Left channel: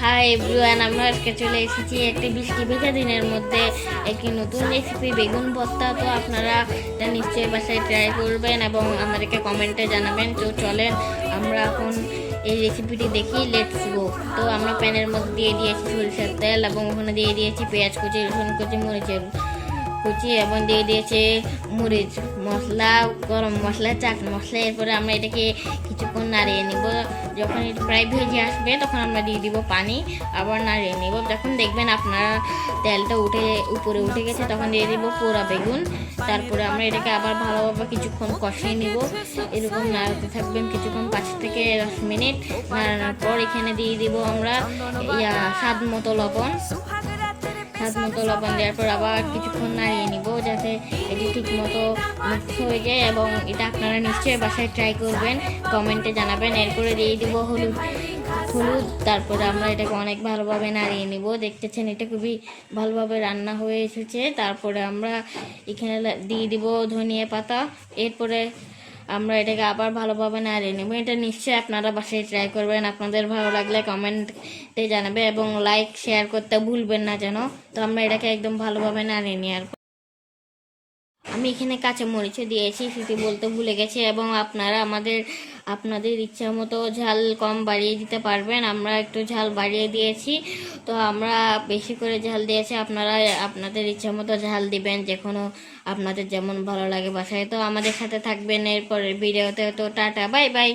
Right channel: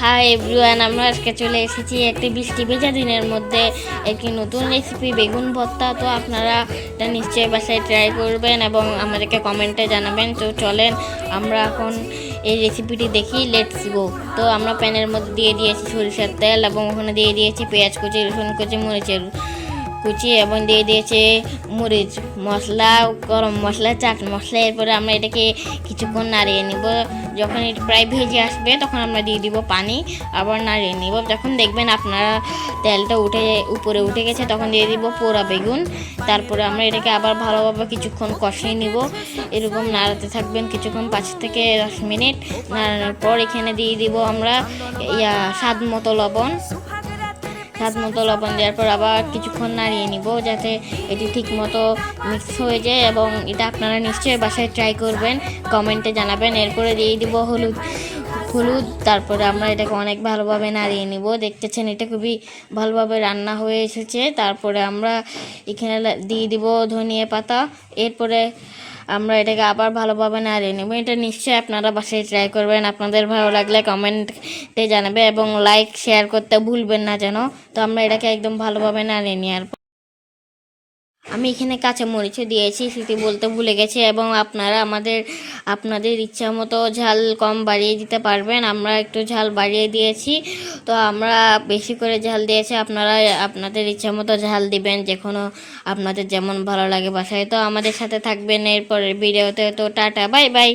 Hi everyone, আমরা আজকে চলে এসেছি একটি বৃষ্টি ভেজা দিনের মধ্যে একটি নতুন রেসিপি বেগুন ভর্তা। তো আপনারা এটা নিশ্চয়ই বাসায় ট্রাই করবেন এবং আমাদেরকে কমেন্টে জানাবেন। তো চলেন আমরা এখন এই রেসিপিটি দেখি, লেটস গো। তো আমরা প্যানের মধ্যে দিয়ে দিয়েছি সরিষার তেল এবং ওখানে দিয়ে দিয়েছি পেঁয়াজ কুচি, রসুন কুচি, মরিচের কুচি এবং দিয়ে দিয়েছে মরিচ মশলা, গরম মশলা, চাট মশলা। এরপরে আমরা এটাকে কিছুক্ষণ নাড়িয়ে নিব। যখন এটা প্রায় ভেজে আসবে তখন আমরা দিয়ে দিব পানি, আবার নাড়িয়ে নিব। যখন দেখবেন আপনারা তেলটা উপরে উঠে গেছে তখন দিয়ে দিব পোড়া বেগুন। তারপরে আমরা এটাকে আবার ভালোভাবে কিছুক্ষণ কষিয়ে নিব। এরকম নাড়াতে থাকবেন কিছুক্ষণ, 5 থেকে 10 মিনিট নাড়ানোর পর এখানে দিয়ে দিব আমরা স্বাদ মতো লবণ দেওয়ার পর আবার কিছুক্ষণ নাড়িয়ে নিব যাতে এটি ঠিক মতো মিক্স হয়ে যায় এবং এটা আপনারা নিশ্চয়ই বাসায় ট্রাই করবেন, কমেন্টে জানাবেন। এরপরে দিয়ে দিব হলুদ। তারপরে আমরা এটাকে অনেক ভালোভাবে নাড়িয়ে নিব। দেখতেছেন এটা খুবই ভালোভাবে রান্না হয়ে এসেছে। তারপরে আমরা এখানে দিয়ে দিব ধনিয়া পাতা। এরপরে আমরা এটাকে আবার ভালোভাবে নাড়িয়ে নেব। এটা নিশ্চয়ই আপনারা বাসায় ট্রাই করবেন। আপনাদের ভালো লাগলে কমেন্টে জানাবে এবং লাইক শেয়ার করতে ভুলবেন না যেন। তো আমরা এটাকে একদম ভালোভাবে নাড়িয়ে নেওয়ার পর আমি এখানে কাঁচা মরিচও দিয়েছি, সেটি বলতে ভুলে গেছি। এবং আপনারা আপনাদের ইচ্ছা মতো ঝাল কম বাড়িয়ে দিতে পারবেন। আমরা একটু ঝাল বাড়িয়ে দিয়েছি, তো আমরা বেশি করে ঝাল দিয়েছি। আপনারা আপনাদের ইচ্ছা মতো ঝাল দিবেন, যে কোনো আপনাদের যেমন ভালো লাগে বাসায়। তো আমাদের সাথে থাকবেন এরপরের ভিডিওতে। তো টাটা, বাই বাই।